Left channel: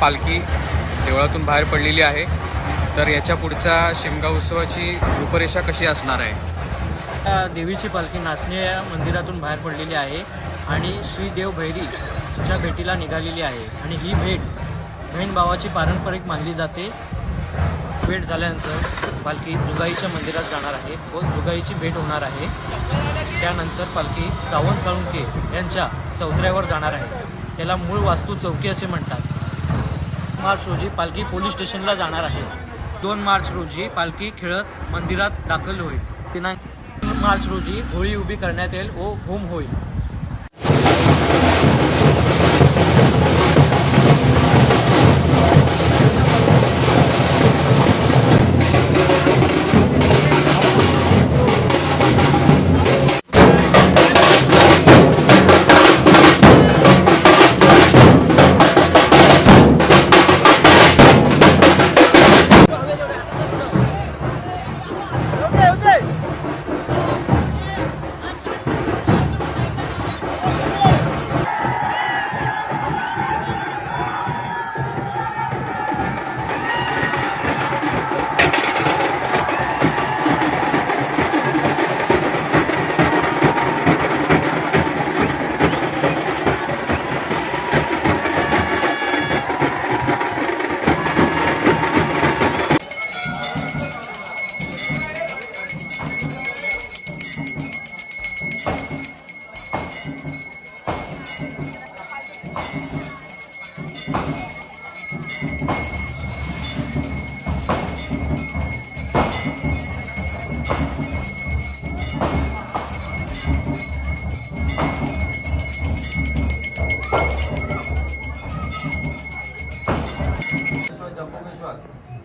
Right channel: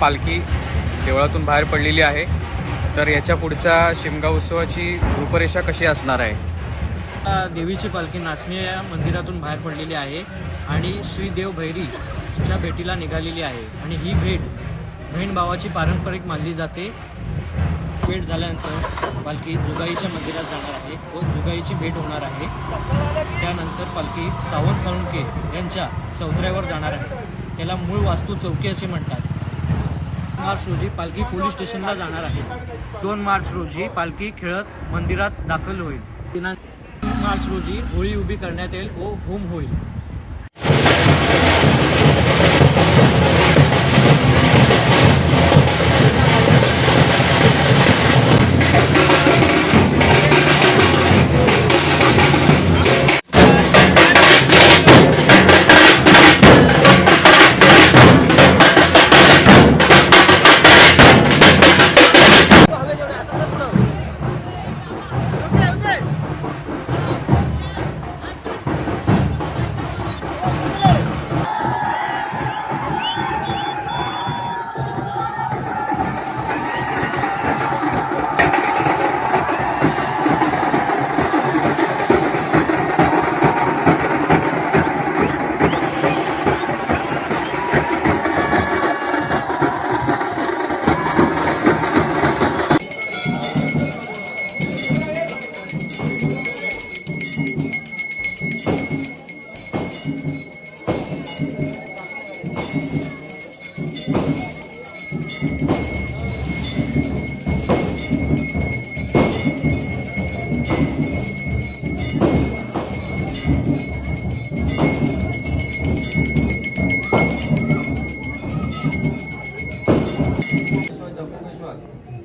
पालखी देवळातून बाहेर पडलेली आहे। तर याच्या पुढच्या शिमगा उत्सवाची रूपरेषा कशी असणार आहे? देवीची पालखी नाचणी या मंदिरातून बाहेर पडलेली आहे आणि श्री देव भैरीच्या भेटीला निघालेली आहे आणि ही भेट बहीण भावाची पारंपरिक मानली जाते। भेट झाल्यानंतर पालखी जुगाईच्या मंदिरात जाणार आहे व जुगाईची भेट होणार आहे। त्यानंतर पालखी सावंत साळुंके यांच्या चौथऱ्यावर जाणार आहे, त्याला मूळ वास्तू चौकी असे म्हणतात। मार्च रोजी पालखी पोलीस स्टेशनला जाणार आहे। 2 मार्च रोजी पालखी खेळत मंदिरात दाखल होईल। दिनांक 3 मार्च रोजी होळी उभी करण्यात येईल व होम होईल।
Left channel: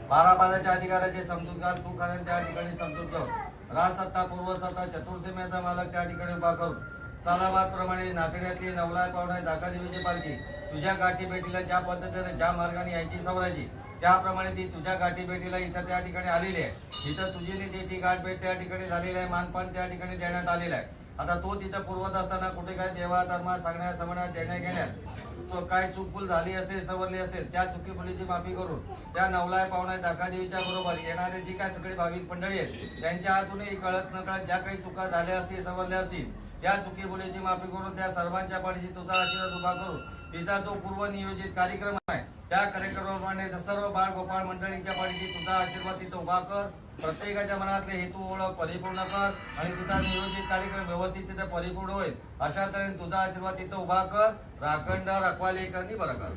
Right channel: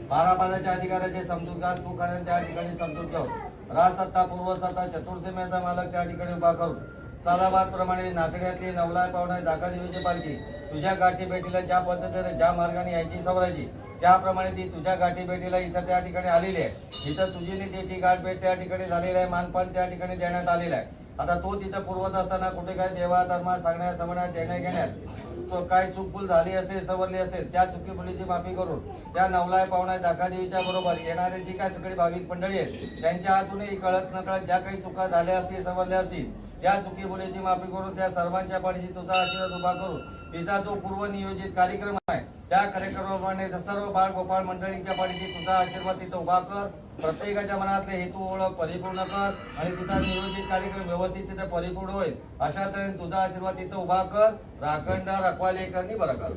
बारापादाच्या अधिकाऱ्याचे समजूतदार तू कारण त्या ठिकाणी समजूत घेऊन राजसत्ता पूर्वसत्ता चतुर्सीमेचा मालक त्या ठिकाणी उभा करून सालाबाद प्रमाणे नाचण्यातली नवलाय पावणाय दाखादेवीची पालखी तुझ्या गाठी भेटीला ज्या पद्धतीने ज्या मार्गाने यायची सवरायची त्याप्रमाणे ती तुझ्या गाठी भेटीला इथं त्या ठिकाणी आलेली आहे। इथं तुझी त्याची गाठ भेट त्या ठिकाणी झालेली आहे, मानपान त्या ठिकाणी देण्यात आलेला आहे। आता तो तिथं पूर्वत असताना कुठे काय देवा धर्मात सांगण्यात समण्यात देण्या घेण्यात तो काय चूकभूल झाली असेल सवरली असेल त्या चुकीभुलीची माफी करून त्या नवलाय पावणाय दाखादेवीच्या बरोबर येणारे जी काय सगळी भाविक मंडळी आहेत त्यांच्या हातूनही कळत नकळत ज्या काही चुका झाल्या असतील सवरल्या असतील त्या चुकीभुलीची माफी करून त्या सर्वांच्या पाठीशी तुझा आशीर्वाद उभा करून तिचा जो पूर्वनियोजित कार्यक्रम आहे त्या कार्यक्रमाप्रमाणे सर्व बाळ गोपाळ मंडळींच्या पाठीशी तुझा आशीर्वाद तिथं उभा कर। प्रत्येकाच्या मनातले हेतू ओळख परिपूर्ण कर आणि तिचा नियोजित कार्यक्रम व्यवस्थित तिथे परिपूर्ण होईल अशा तऱ्हेने तुझा आशीर्वाद तिथं उभा कर। राखणदार रखवाले करणी बरं कर।